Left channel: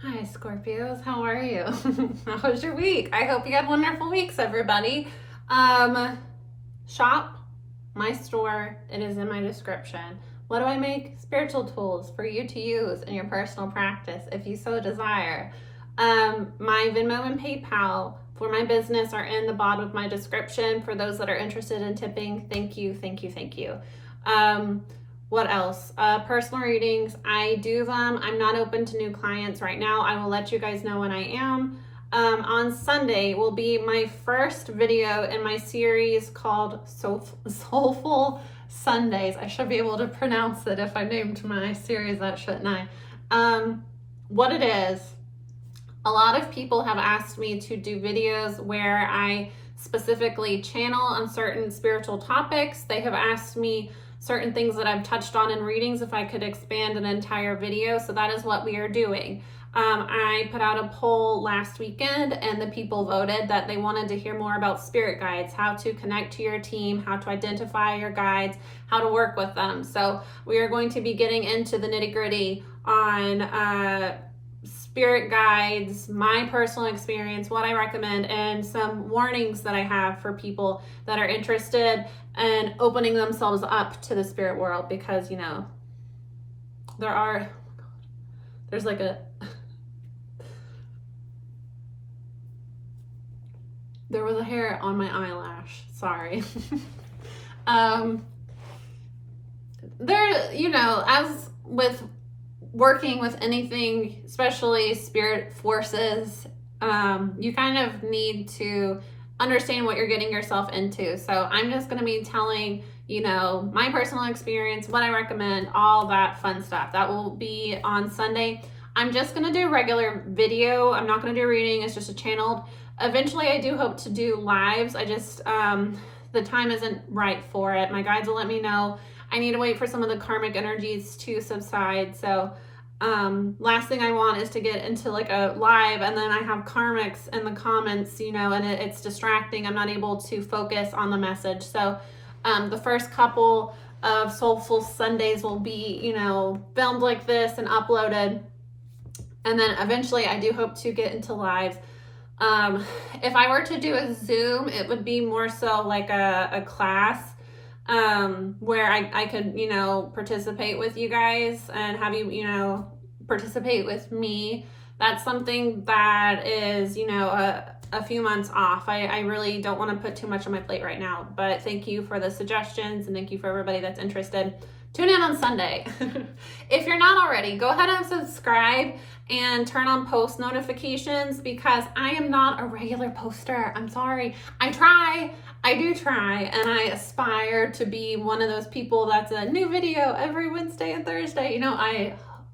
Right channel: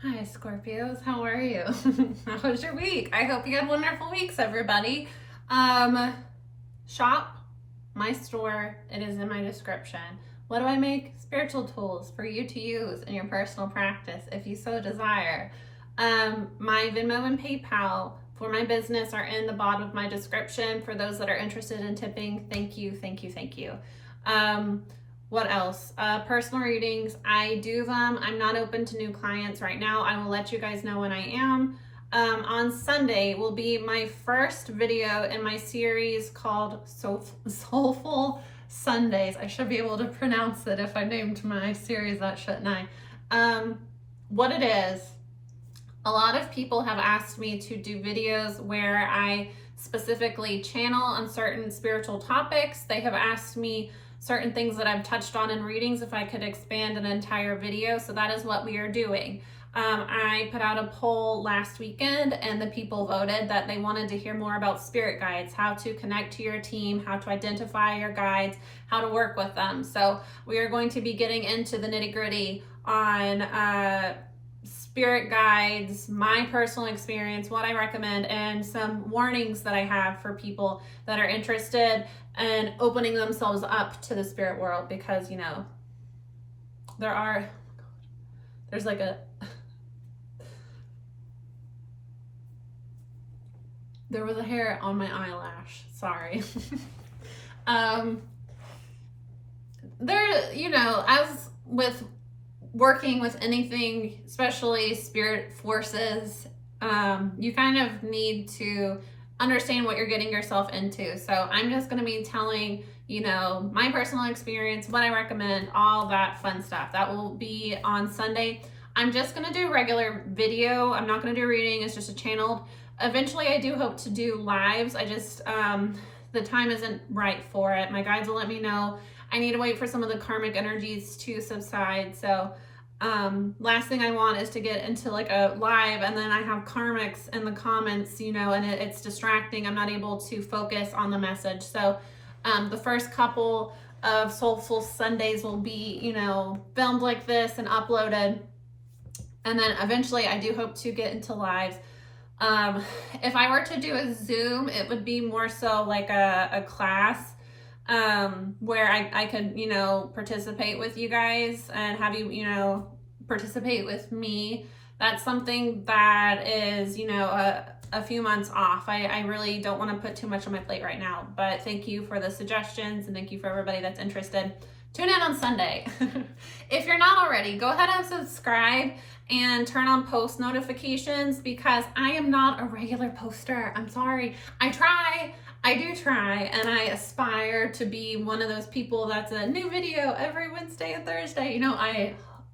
Hi, Scorpios. How are you? How was your week? I hope you had wonderful weeks, everybody. Shop my store. It is in my description. What do I make? Spiritual tools for you to use in your personal practice if you so desire. My Venmo and PayPal for my business are in the bottom of my description for those that are interested in tipping. Thank you, thank you, thank you. What else? Personal readings. I do them. I'm not open to new clients right now. I will let you guys know when I am. On Sunday will be my first video in my series called Soulful Sundays. I should be able to pronounce it if I named my series that, shouldn't I? What it is, a lot of people have asked me to do videos where I specifically channel on certain spiritual topics. They have asked me certain things that I've touched on in readings if I could expand an entire video. So that is what we are doing. I put out a poll last weekend and the people voted that they wanted to hear more about spirit guides, how to connect to your team, how to identify your guides, how to work with them. So we are going to be getting into the nitty-gritty on spirit guides, my personal experience, what I recommend, and some warnings that I have for people that are interested in opening themselves up to the spirit world, because there's like there was a hair on my eyelash, sorry. As with working with anything, especially spirit forces, you kind of need to understand what you're getting yourself into. So I'm just going to be telling, my personal experience, what I recommend, all that fun stuff. That will be on Sunday. I'm just going to do a regular video. I'm not going to do reading. It's just a channeled. Eventually, I do hope to do lives. I just, the time isn't right for it. My guides will let me know. I need to wait for some of the karmic energies to subside. So last thing I want is to get into like a live and then I have karmics in the comments, and it's distracting. I'm not able to focus on the message. So the first couple of Soulful Sundays will be, filmed like this and uploaded. And then eventually I do hope to get into lives. If I were to do a Zoom, it would be more so like a class where I could, participate with you guys and have you, participate with me. That's something that is, a few months off. I really don't want to put too much on my plate right now, but thank you for the suggestions and thank you for everybody that's interested. Tune in on Sunday. If you're not already, go ahead and subscribe and turn on post notifications, because I am not a regular poster. I'm sorry. I do try, and I aspire to be one of those people that's a new video every Wednesday and Thursday.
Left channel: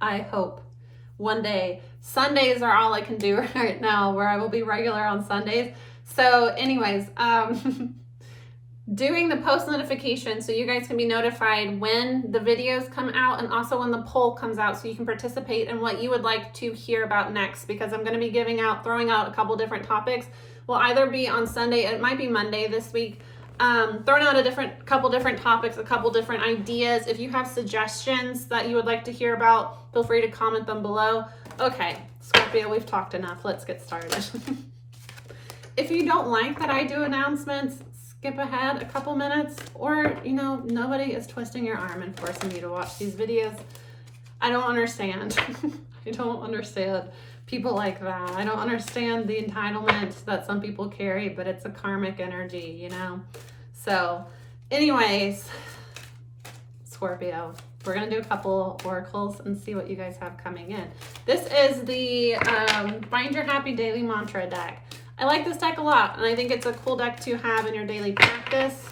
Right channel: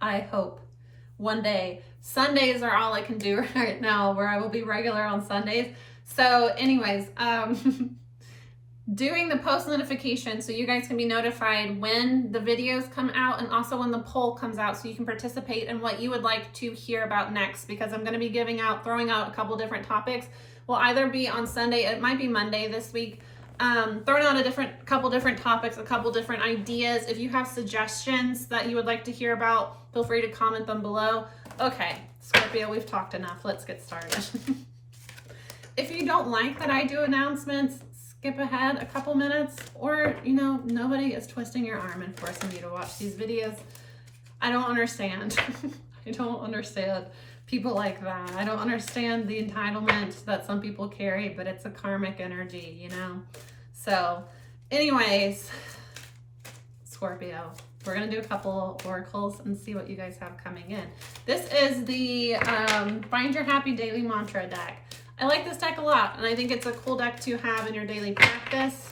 I hope one day. Sundays are all I can do right now, where I will be regular on Sundays. So anyways, doing the post notification so you guys can be notified when the videos come out and also when the poll comes out, so you can participate in what you would like to hear about next, because I'm going to be throwing out a couple different topics. Will either be on Sunday, it might be Monday this week, throwing out a couple different topics, a couple different ideas. If you have suggestions that you would like to hear about, feel free to comment them below. Okay, Scorpio, we've talked enough. Let's get started. If you don't like that I do announcements, skip ahead a couple minutes, or, nobody is twisting your arm and forcing you to watch these videos. I don't understand. I don't understand people like that. I don't understand the entitlement that some people carry, but it's a karmic energy, So anyways, Scorpio, we're going to do a couple oracles and see what you guys have coming in. This is the Find Your Happy Daily Mantra deck. I like this deck a lot, and I think it's a cool deck to have in your daily practice.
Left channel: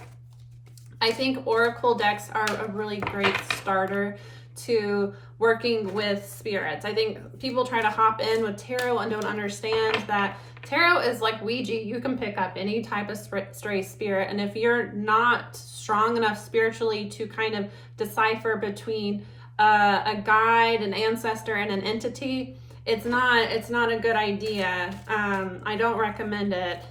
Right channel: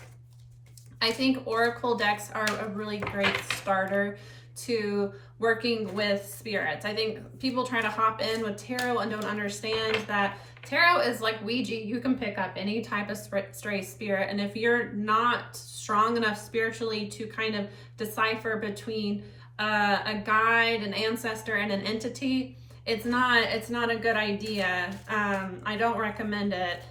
I think oracle decks are a really great starter to working with spirits. I think people try to hop in with tarot and don't understand that tarot is like Ouija. You can pick up any type of stray spirit, and if you're not strong enough spiritually to kind of decipher between a guide, an ancestor, and an entity, it's not a good idea. I don't recommend it.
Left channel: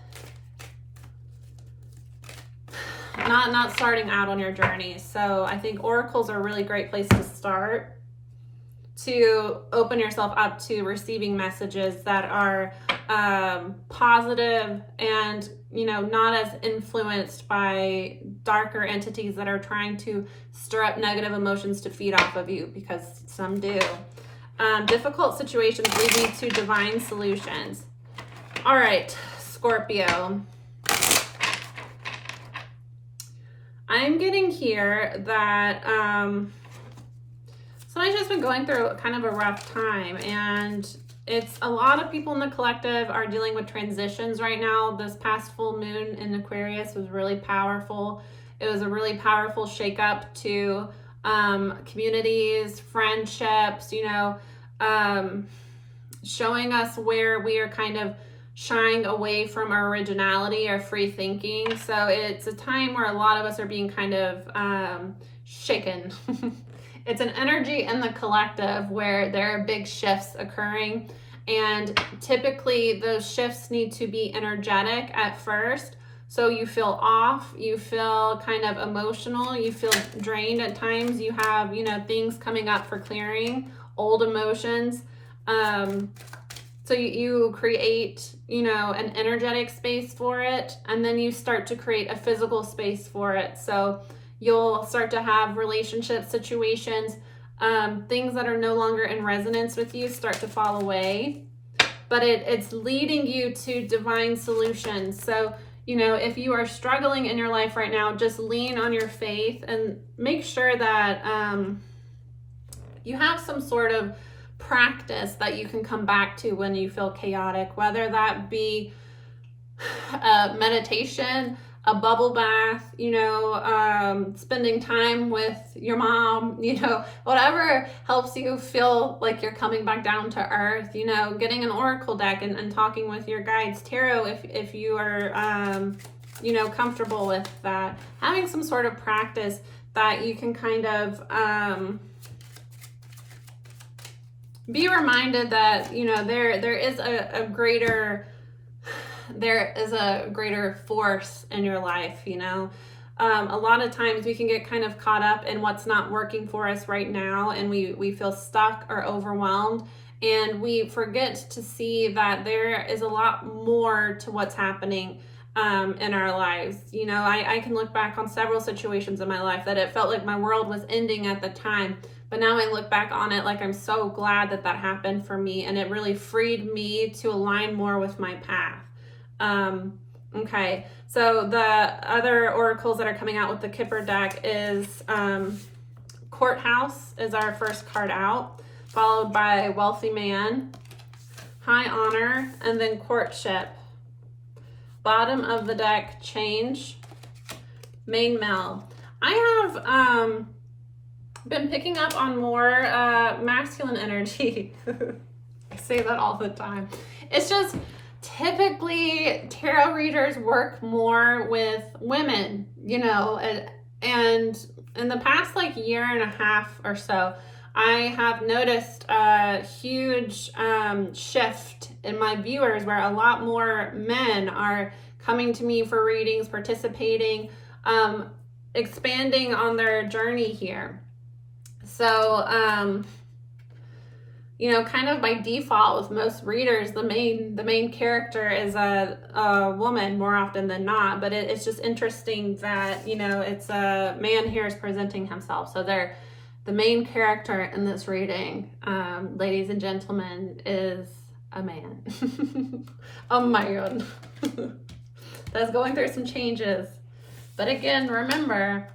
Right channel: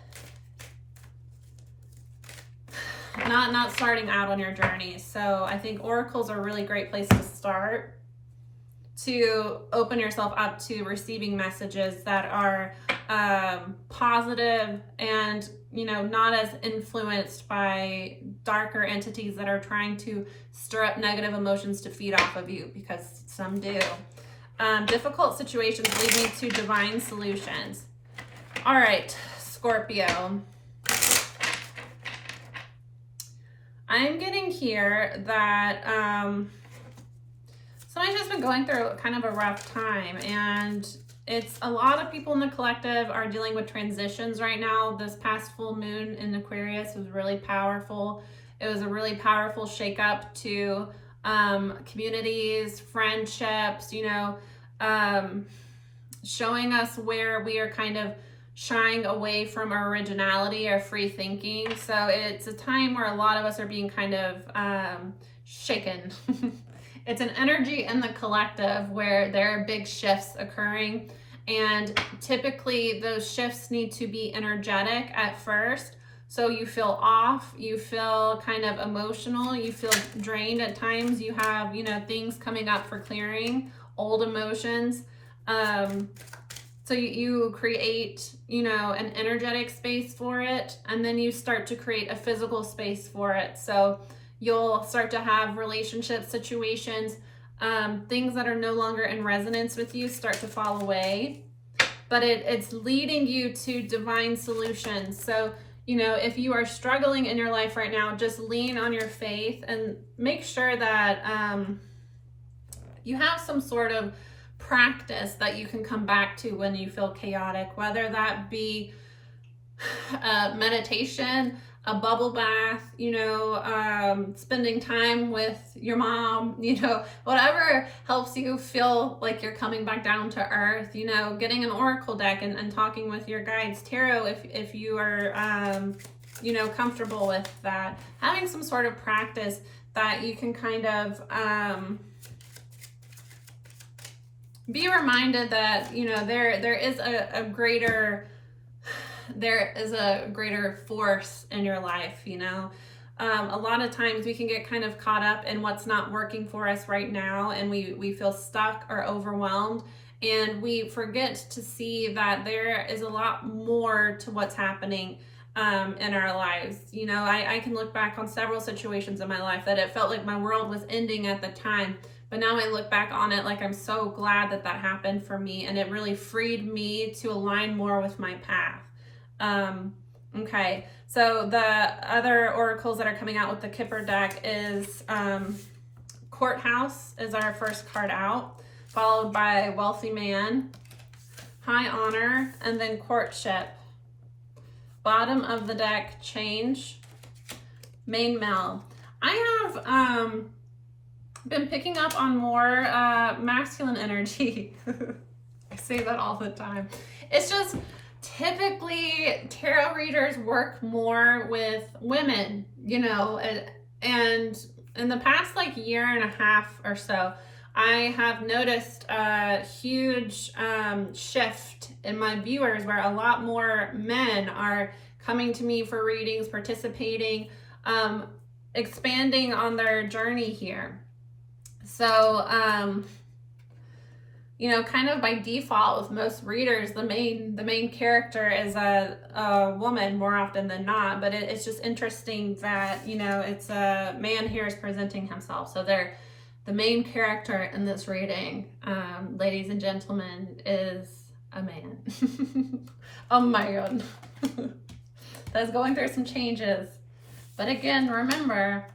Not starting out on your journey. So I think oracles are a really great place to start to open yourself up to receiving messages that are positive and, you know, not as influenced by darker entities that are trying to stir up negative emotions to feed off of you, because some do. Difficult situations leading to divine solutions. All right, Scorpio. I'm getting here that somebody's just been going through kind of a rough time, and it's a lot of people in the collective are dealing with transitions right now. This past full moon in Aquarius was really powerful. It was a really powerful shakeup to communities, friendships, you know, showing us where we are kind of shying away from our originality, our free thinking. So it's a time where a lot of us are being kind of shaken. It's an energy in the collective where there are big shifts occurring, and typically those shifts need to be energetic at first. So you feel off, you feel kind of emotional, you feel drained at times, you have, you know, things coming up for clearing, old emotions. So you create, you know, an energetic space for it, and then you start to create a physical space for it. So you'll start to have relationship situations, things that are no longer in resonance with you start to fall away, but it's leading you to divine solutions. So, you know, if you are struggling in your life right now, just lean on your faith and make sure that you have some sort of practice that you can come back to when you feel chaotic, whether that be meditation, a bubble bath, you know, spending time with your mom, you know, whatever helps you feel like you're coming back down to earth, you know, getting an oracle deck and talking with your guides, tarot, if you are, you know, comfortable with that, having some sort of practice that you can kind of, be reminded that, you know, there is a greater force in your life, you know. A lot of times we can get kind of caught up in what's not working for us right now, and we feel stuck or overwhelmed, and we forget to see that there is a lot more to what's happening in our lives. You know, I can look back on several situations in my life that it felt like my world was ending at the time. But now I look back on it like I'm so glad that that happened for me, and it really freed me to align more with my path. Okay, so the other oracles that are coming out with the Kipper deck is Courthouse is our first card out, followed by Wealthy Man, High Honor, and then Courtship. Bottom of the deck, Change, Main Male. I have been picking up on more masculine energy. I say that all the time. It's just typically tarot readers work more with women, you know, and in the past like year and a half or so, I have noticed a huge shift in my viewers where a lot more men are coming to me for readings, participating, expanding on their journey here. So, you know, kind of by default with most readers, the main character is a woman more often than not, but it's just interesting that, you know, it's a man here is presenting himself. So they're the main character in this reading, ladies and gentlemen, is a man. A man. That's going through some changes. But again, remember,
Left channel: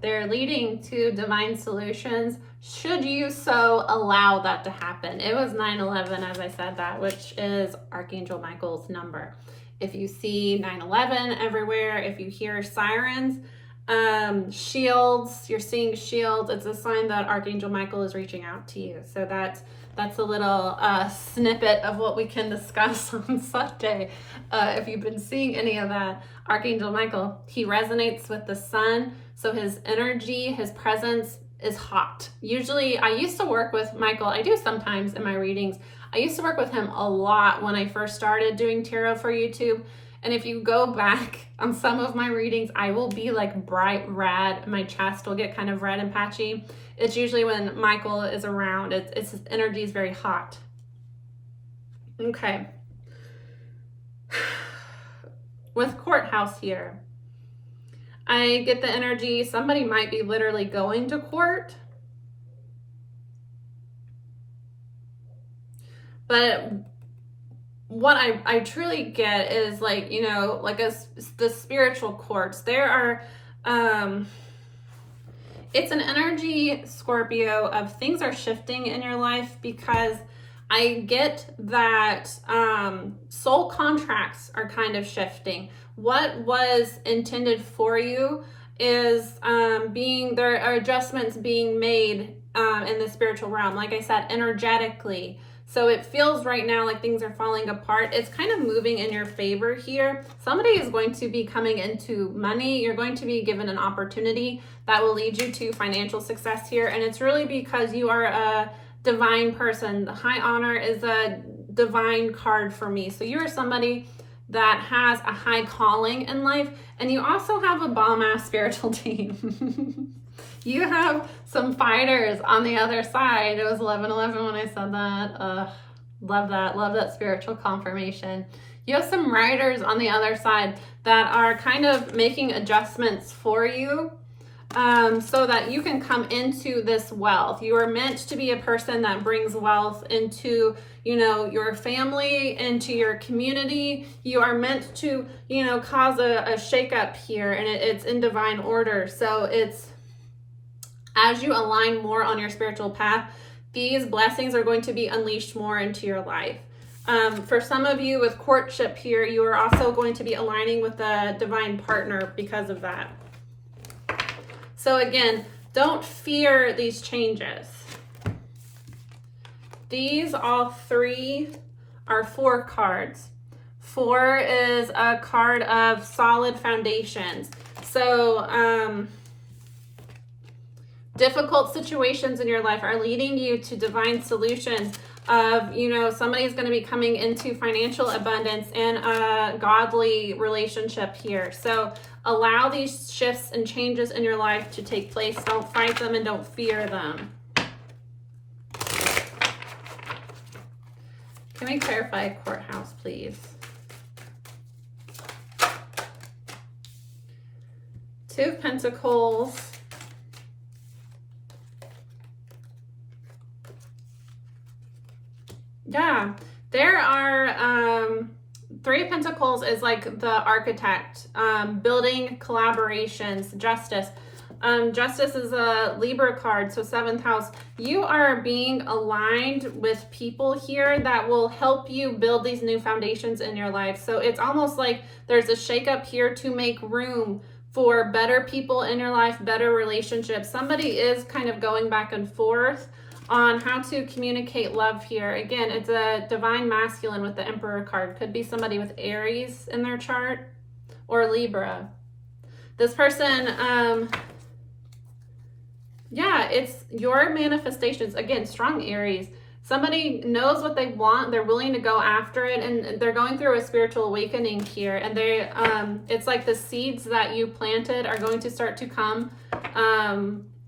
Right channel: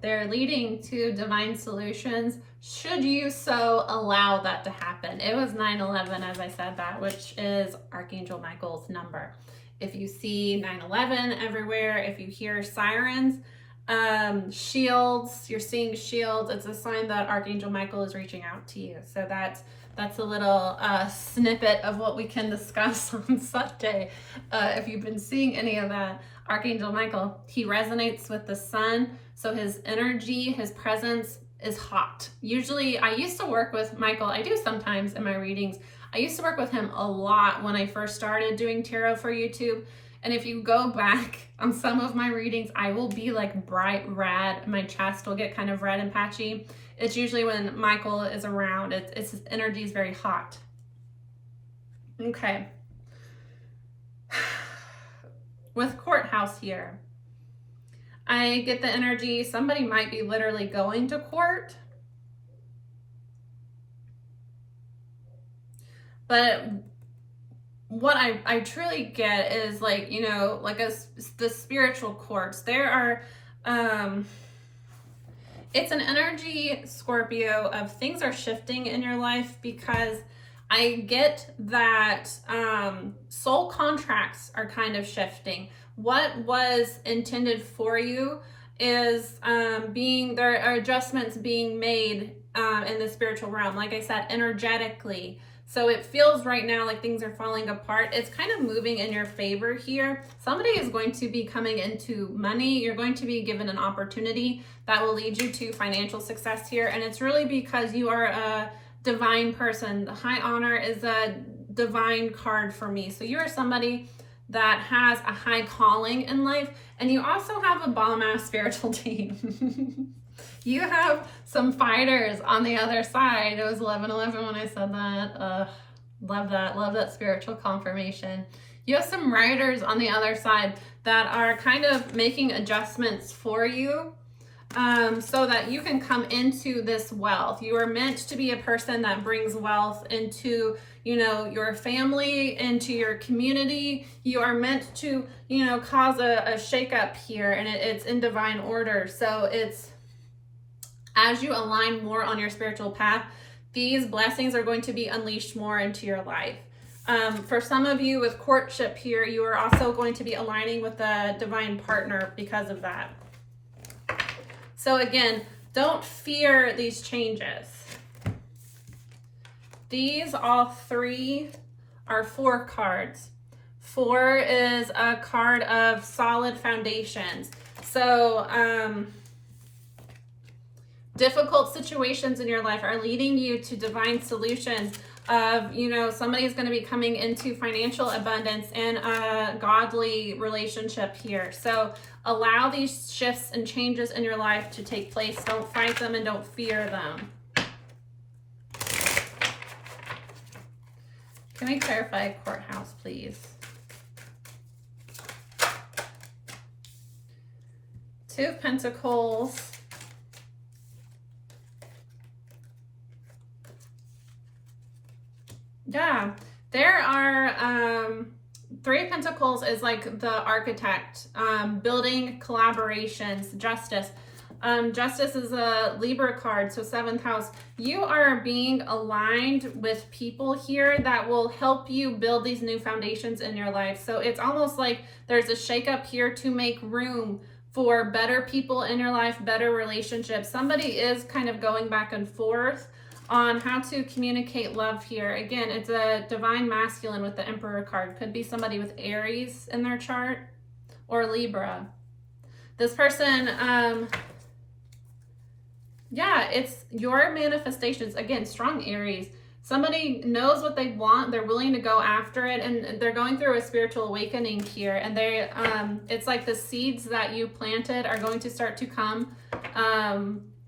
they're leading to divine solutions should you so allow that to happen. It was 9/11, as I said that, which is Archangel Michael's number. If you see 9/11 everywhere, if you hear sirens, shields, you're seeing shields, it's a sign that Archangel Michael is reaching out to you. So that's a little snippet of what we can discuss on Sunday. If you've been seeing any of that, Archangel Michael, he resonates with the sun. So his energy, his presence is hot. Usually, I used to work with Michael. I do sometimes in my readings. I used to work with him a lot when I first started doing tarot for YouTube. And if you go back on some of my readings, I will be like bright red. My chest will get kind of red and patchy. It's usually when Michael is around. It's his energy is very hot. Okay. With courthouse here, I get the energy somebody might be literally going to court. But what I truly get is like, you know, like the spiritual courts. There are, it's an energy, Scorpio, of things are shifting in your life, because I get that soul contracts are kind of shifting. What was intended for you is there are adjustments being made in the spiritual realm, like I said, energetically. So it feels right now like things are falling apart. It's kind of moving in your favor here. Somebody is going to be coming into money. You're going to be given an opportunity that will lead you to financial success here. And it's really because you are a divine person. The high honor is a divine card for me. So you're somebody that has a high calling in life. And you also have a bomb-ass spiritual team. You have some fighters on the other side. It was 11/11 when I said that. Love that. Love that spiritual confirmation. You have some riders on the other side that are kind of making adjustments for you so that you can come into this wealth. You are meant to be a person that brings wealth into, you know, your family, into your community. You are meant to, you know, cause a shakeup here, and it's in divine order. So it's, as you align more on your spiritual path, these blessings are going to be unleashed more into your life. For some of you with courtship here, you are also going to be aligning with a divine partner because of that. So again, don't fear these changes. These all three are 4 cards. 4 is a card of solid foundations. So, difficult situations in your life are leading you to divine solutions of, you know, somebody's going to be coming into financial abundance and a godly relationship here. So allow these shifts and changes in your life to take place. Don't fight them and don't fear them. Can we clarify courthouse, please? 2 of Pentacles. Yeah, there are 3 of Pentacles is like the architect, building collaborations, justice. Justice is a Libra card, so 7th house. You are being aligned with people here that will help you build these new foundations in your life. So it's almost like there's a shakeup here to make room for better people in your life, better relationships. Somebody is kind of going back and forth on how to communicate love here. Again, it's a divine masculine with the Emperor card. Could be somebody with Aries in their chart or Libra. This person, yeah, it's your manifestations. Again, strong Aries. Somebody knows what they want. They're willing to go after it, and they're going through a spiritual awakening here. And they, it's like the seeds that you planted are going to start to come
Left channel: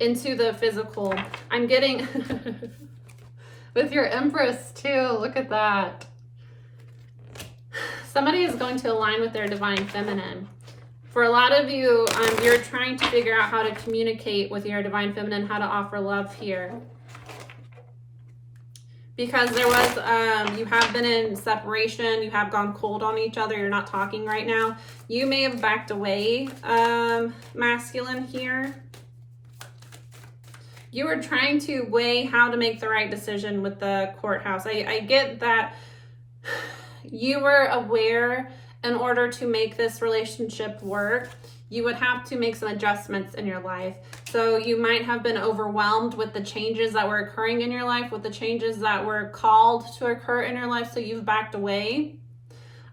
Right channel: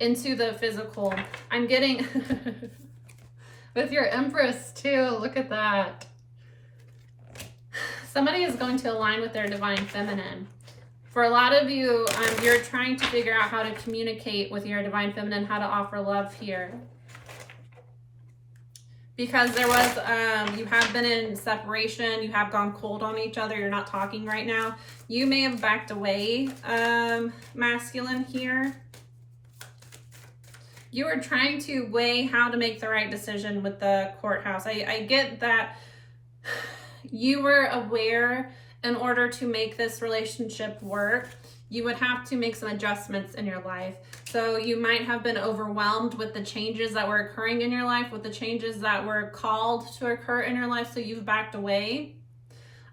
into the physical. I'm getting with your Empress too. Look at that. Somebody is going to align with their divine feminine. For a lot of you, you're trying to figure out how to communicate with your divine feminine, how to offer love here. Because there was, you have been in separation, you have gone cold on each other, you're not talking right now. You may have backed away, masculine here. You were trying to weigh how to make the right decision with the courthouse. I get that you were aware in order to make this relationship work, you would have to make some adjustments in your life. So you might have been overwhelmed with the changes that were occurring in your life, with the changes that were called to occur in your life, so you've backed away.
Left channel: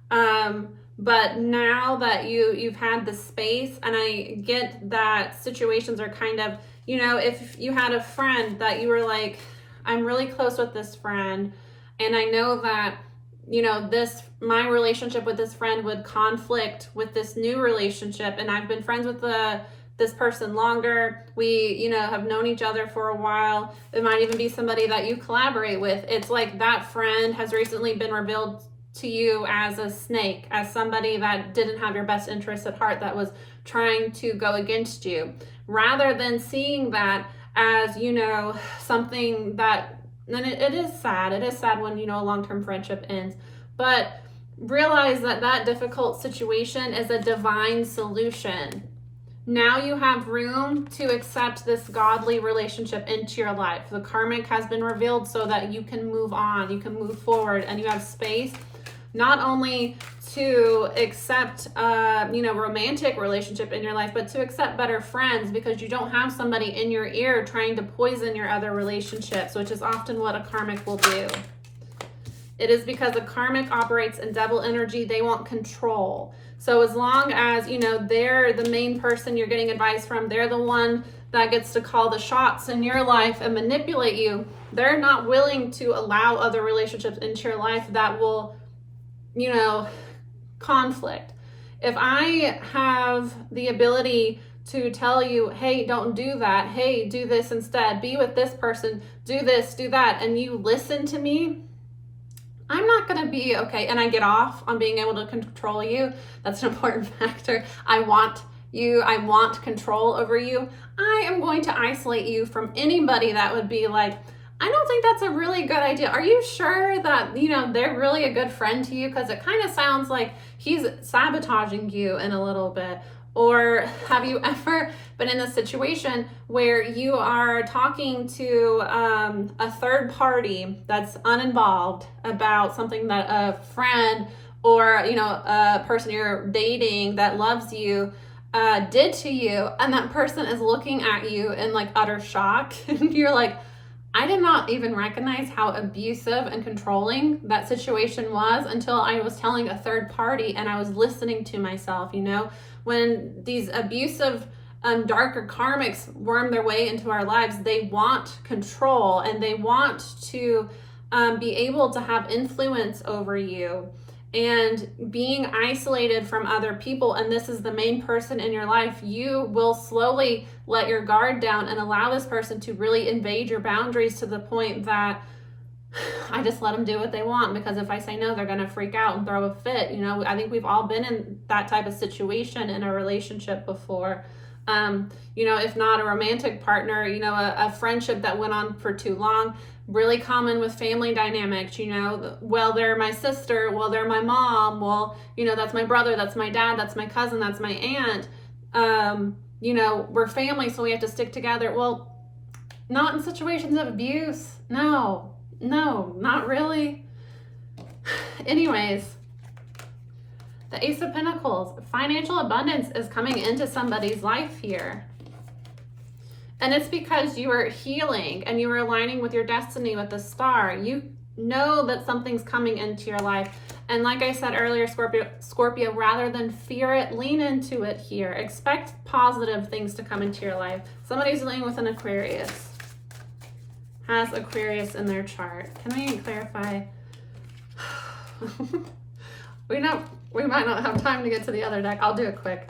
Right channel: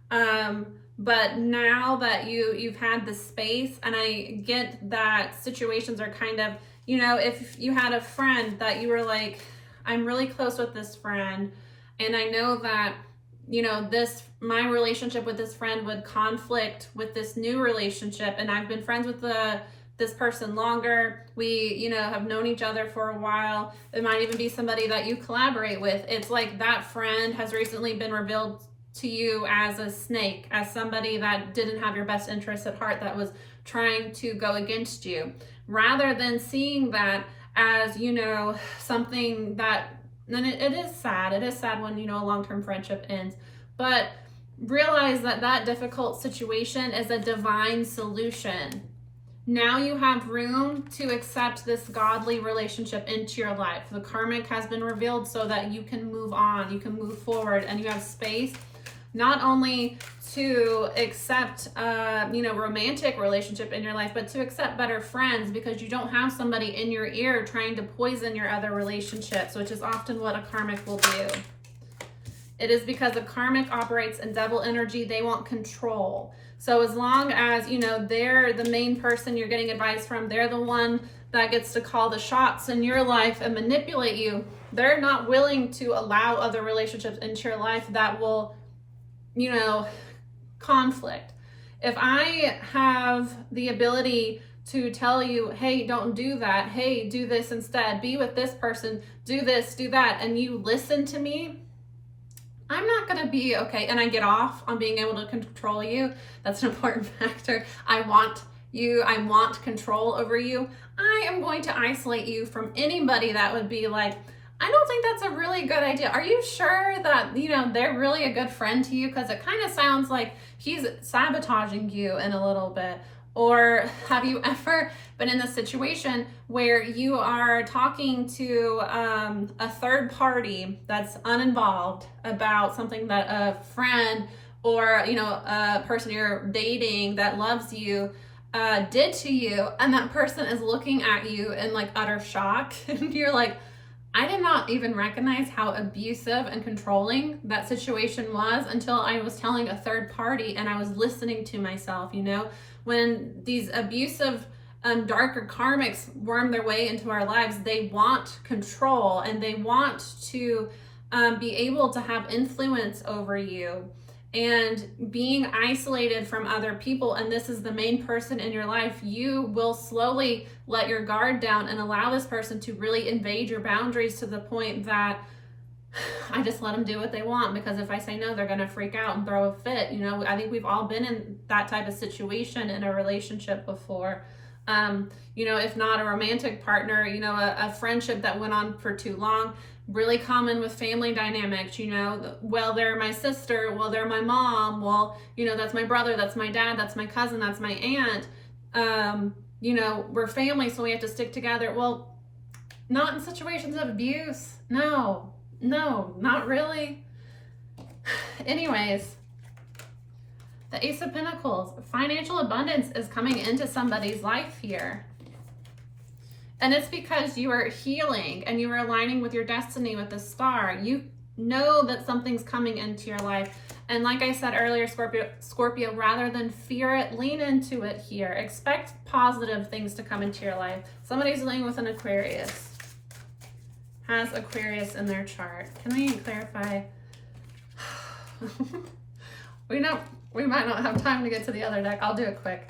But now that you've had the space, and I get that situations are kind of, you know, if you had a friend that you were like, I'm really close with this friend, and I know that you know, my relationship with this friend would conflict with this new relationship, and I've been friends with this person longer. We, you know, have known each other for a while. It might even be somebody that you collaborate with. It's like that friend has recently been revealed to you as a snake, as somebody that didn't have your best interests at heart, that was trying to go against you, rather than seeing that as, you know, something that, and it is sad. It is sad when, you know, a long-term friendship ends, but realize that that difficult situation is a divine solution. Now you have room to accept this godly relationship into your life. The karmic has been revealed so that you can move on, you can move forward, and you have space not only to accept, you know, romantic relationship in your life, but to accept better friends, because you don't have somebody in your ear trying to poison your other relationships, which is often what a karmic will do. It is because a karmic operates in double energy. They want control. So as long as, you know, they're the main person you're getting advice from, they're the one that gets to call the shots in your life and manipulate you, they're not willing to allow other relationships into your life that will, you know, conflict. If I have the ability to tell you, hey, don't do that, hey, do this instead, be with this person, do this, do that, and you listen to me, I'm not going to be okay. And I get off on being able to control you. That's an important factor. I want you, I want control over you. I am going to isolate you from anybody that would be like, I don't think that's a really good idea. Are you sure that, you know, they're really a good friend to you? Because it kind of sounds like he's sabotaging you in a little bit. Or have you ever been in a situation where you are talking to a third party that's uninvolved about something that a friend or, you know, a person you're dating that loves you did to you, and that person is looking at you in like utter shock, and you're like, I did not even recognize how abusive and controlling that situation was until I was telling a third party and I was listening to myself, you know? When these abusive, darker karmics worm their way into our lives, they want control and they want to be able to have influence over you. And being isolated from other people, and this is the main person in your life, you will slowly let your guard down and allow this person to really invade your boundaries to the point that I just let them do what they want, because if I say no, they're going to freak out and throw a fit. You know, I think we've all been in that type of situation in a relationship before. You know, if not a romantic partner, you know, a friendship that went on for too long. Really common with family dynamics, you know, well, they're my sister, well, they're my mom, well, you know, that's my brother, that's my dad, that's my cousin, that's my aunt. You know, we're family, so we have to stick together. Well, not in situations of abuse. No, not really. Anyways, the Ace of Pentacles, financial abundance is coming into somebody's life here. And it's because you are healing and you are aligning with your destiny with the star. You know that something's coming into your life. And like I said earlier, Scorpio, rather than fear it, lean into it here. Expect positive things to come into your life. Somebody's dealing with an Aquarius. Has Aquarius in their chart. Can I clarify? We might not have time to get to the other deck. I'll do it quick.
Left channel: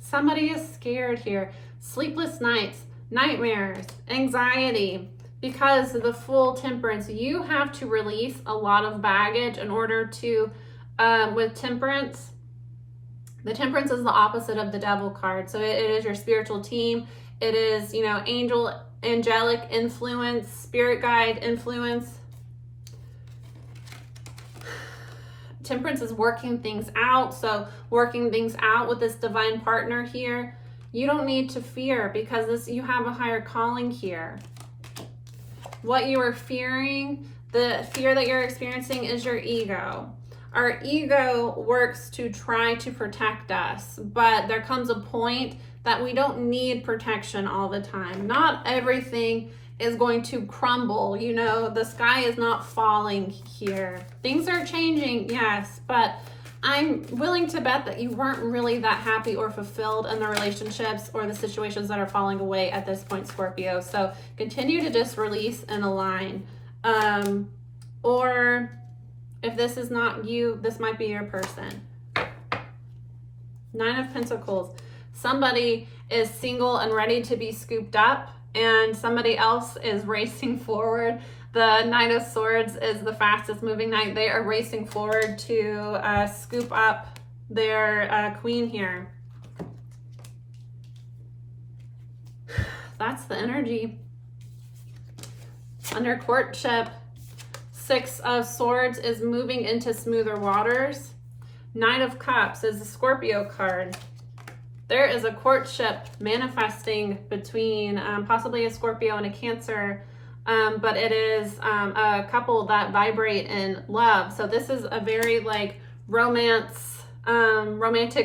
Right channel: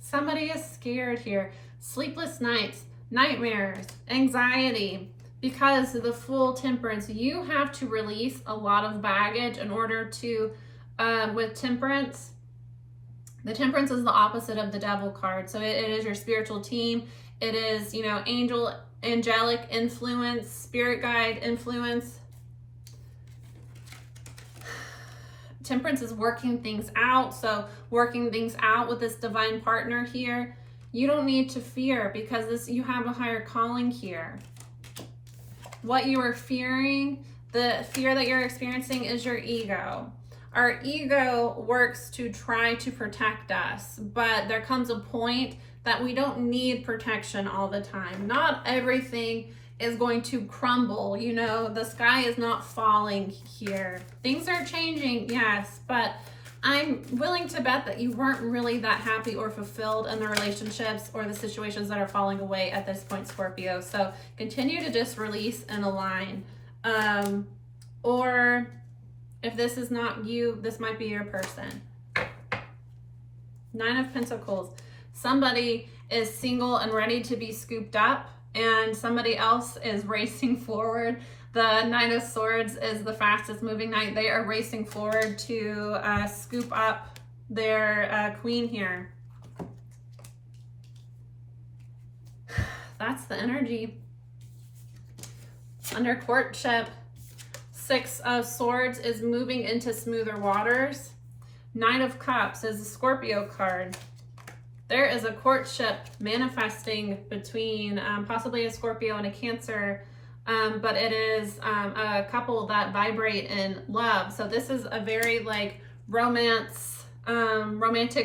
Somebody is scared here. Sleepless nights, nightmares, anxiety, because of the full temperance. You have to release a lot of baggage in order to, with temperance, the temperance is the opposite of the devil card. So it is your spiritual team. It is, you know, angelic influence, spirit guide influence. Temperance is working things out. So working things out with this divine partner here. You don't need to fear, because you have a higher calling here. What you are fearing, the fear that you're experiencing, is your ego. Our ego works to try to protect us, but there comes a point that we don't need protection all the time. Not everything is going to crumble. You know, the sky is not falling here. Things are changing, yes, but I'm willing to bet that you weren't really that happy or fulfilled in the relationships or the situations that are falling away at this point, Scorpio. So continue to just release and align. Or If this is not you, this might be your person. 9 of Pentacles. Somebody is single and ready to be scooped up, and somebody else is racing forward. The 9 of Swords is the fastest moving knight. They are racing forward to scoop up their queen here. That's the energy. Under courtship, 6 of Swords is moving into smoother waters. 9 of Cups is a Scorpio card. There is a courtship manifesting between possibly a Scorpio and a Cancer, but it is a couple that vibrate in love. So this is a very like romantic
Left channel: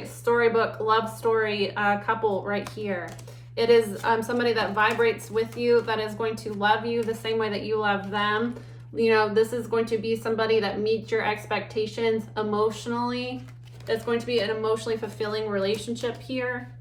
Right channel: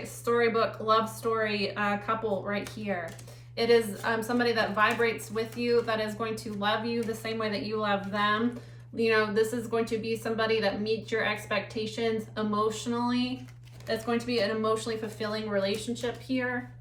storybook love story couple right here. It is somebody that vibrates with you, that is going to love you the same way that you love them. You know, this is going to be somebody that meets your expectations emotionally. It's going to be an emotionally fulfilling relationship here.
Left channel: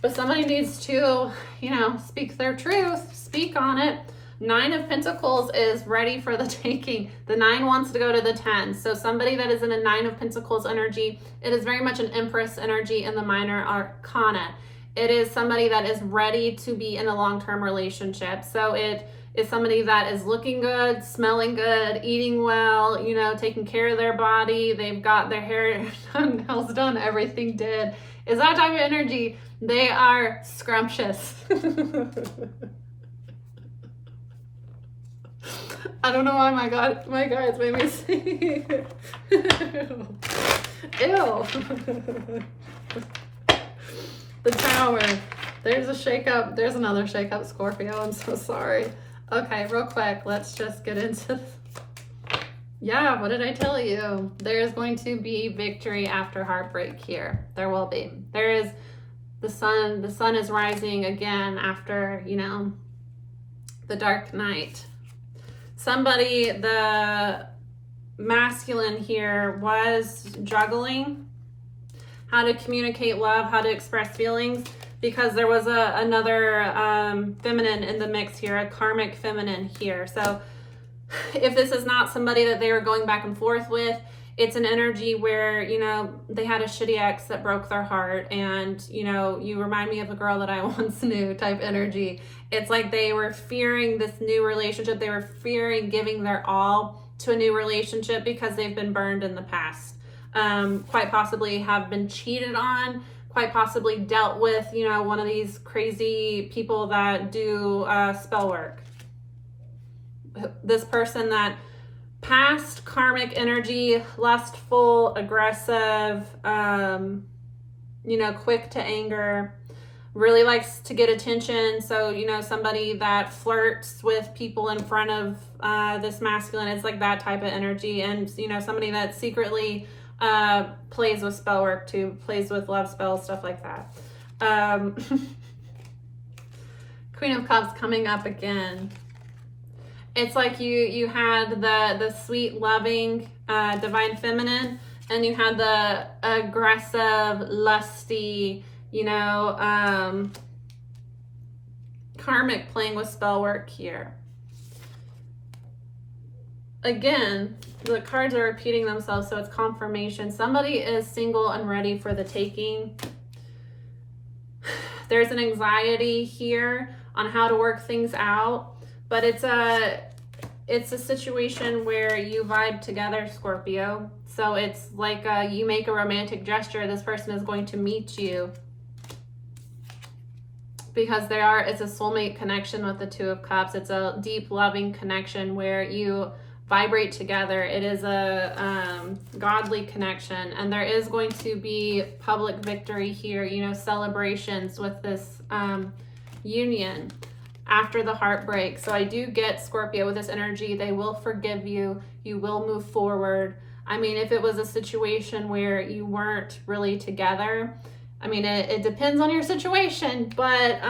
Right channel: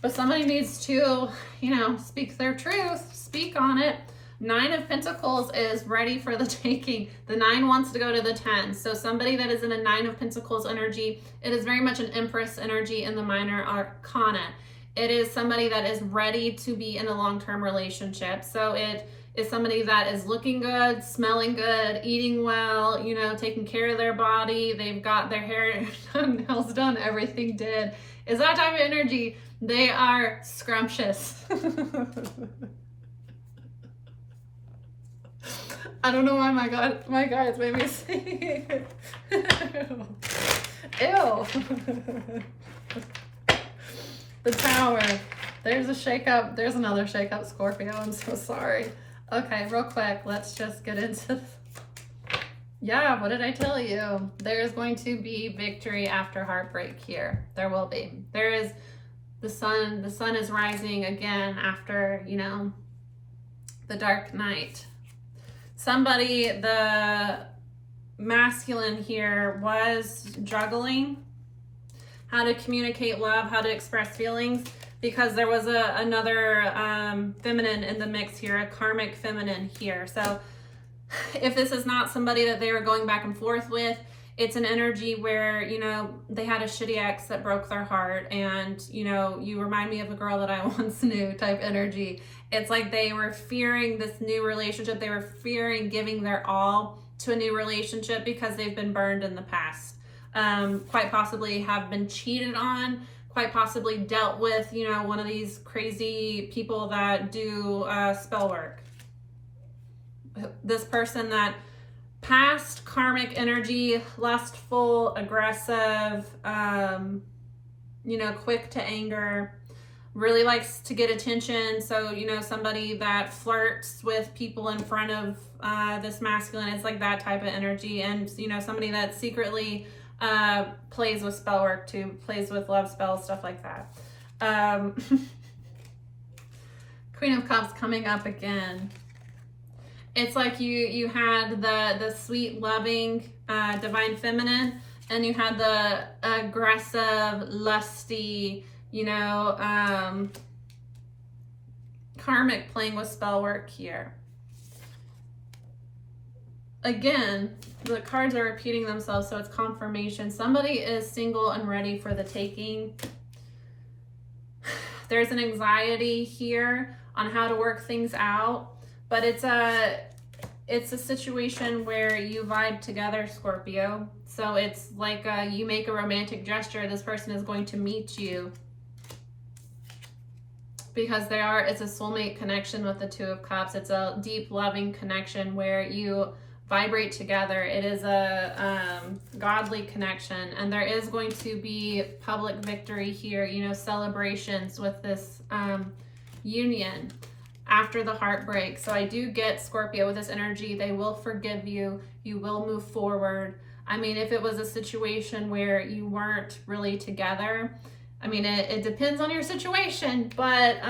But somebody needs to, you know, speak their truth, speak on it. 9 of Pentacles is ready for the taking. The 9 wants to go to the 10. So somebody that is in a 9 of Pentacles energy, it is very much an Empress energy in the minor arcana. It is somebody that is ready to be in a long-term relationship. So it is somebody that is looking good, smelling good, eating well, you know, taking care of their body. They've got their hair done, nails done, everything did. Is that type of energy. They are scrumptious. I don't know why my guys made me say Ew. The Tower. There's a shakeup. There's another shakeup, Scorpio. I'm so sorry. Okay, real quick. Let's just get into... Yeah, what did I tell you? There's going to be victory after heartbreak here. There will be. There is the sun. The sun is rising again after, you know, the dark night. Somebody, the masculine here, was juggling how to communicate love, how to express feelings, because there was another feminine in the mix here, a karmic feminine here. So if this is not somebody that they were going back and forth with, it's an energy where, you know, they had a shitty ex that broke their heart, and, you know, you remind me of a girl that I once knew type energy. It's like they were fearing this new relationship. They were fearing giving their all to a new relationship because they've been burned in the past. Quite possibly have been cheated on, quite possibly dealt with, you know, one of these crazy people that do spell work. This person that past karmic energy, lustful, aggressive, you know, quick to anger, really likes to get attention. So, you know, somebody that flirts with people in front of this masculine, it's like that type of energy. And, you know, somebody that secretly plays with spell work too, plays with love spells, stuff like that. Queen of Cups coming up again. It's like you had the sweet, loving, divine feminine, and you had the aggressive, lusty, you know, karmic playing with spell work here. Again, the cards are repeating themselves, so it's confirmation. Somebody is single and ready for the taking. There's an anxiety here on how to work things out, but it's a situation where you vibe together, Scorpio. So it's like you make a romantic gesture. This person is going to meet you because it's a soulmate connection with the 2 of Cups. It's a deep, loving connection where you vibrate together. It is a godly connection, and there is going to be public victory here, you know, celebrations with this union after the heartbreak. So I do get, Scorpio, with this energy, they will forgive you. You will move forward. I mean, if it was a situation where you weren't really together, I mean, it depends on your situation, but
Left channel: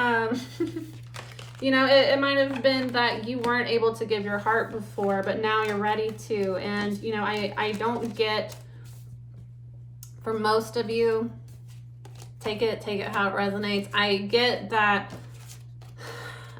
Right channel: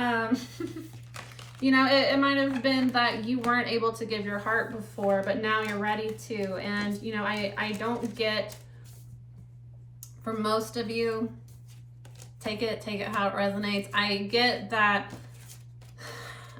you know, it might have been that you weren't able to give your heart before, but now you're ready to. And, you know, I don't get, for most of you, take it how it resonates. I get that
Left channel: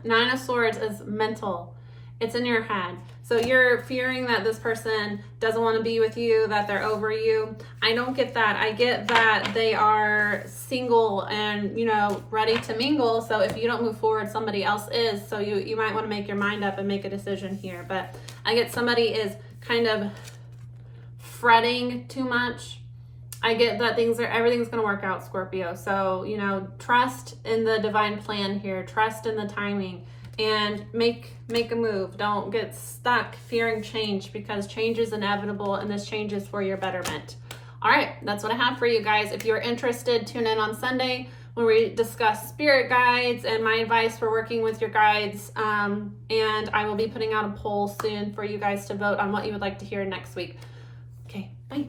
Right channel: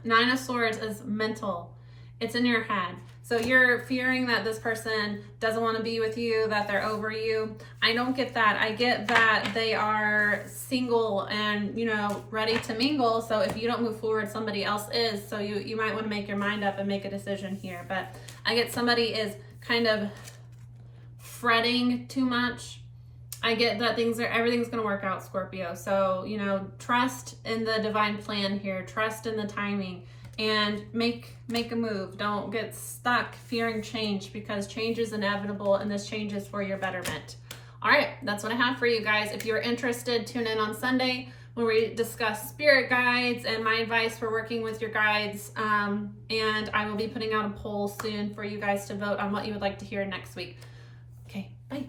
9 of Swords is mental. It's in your head. So you're fearing that this person doesn't want to be with you, that they're over you. I don't get that. I get that they are single and, you know, ready to mingle. So if you don't move forward, somebody else is. So you might want to make your mind up and make a decision here. But I get somebody is kind of fretting too much. I get that everything's going to work out, Scorpio. So, you know, trust in the divine plan here. Trust in the timing and make a move. Don't get stuck fearing change, because change is inevitable and this change is for your betterment. All right, that's what I have for you guys. If you're interested, tune in on Sunday when we discuss spirit guides and my advice for working with your guides. And I will be putting out a poll soon for you guys to vote on what you would like to hear next week. Okay, bye.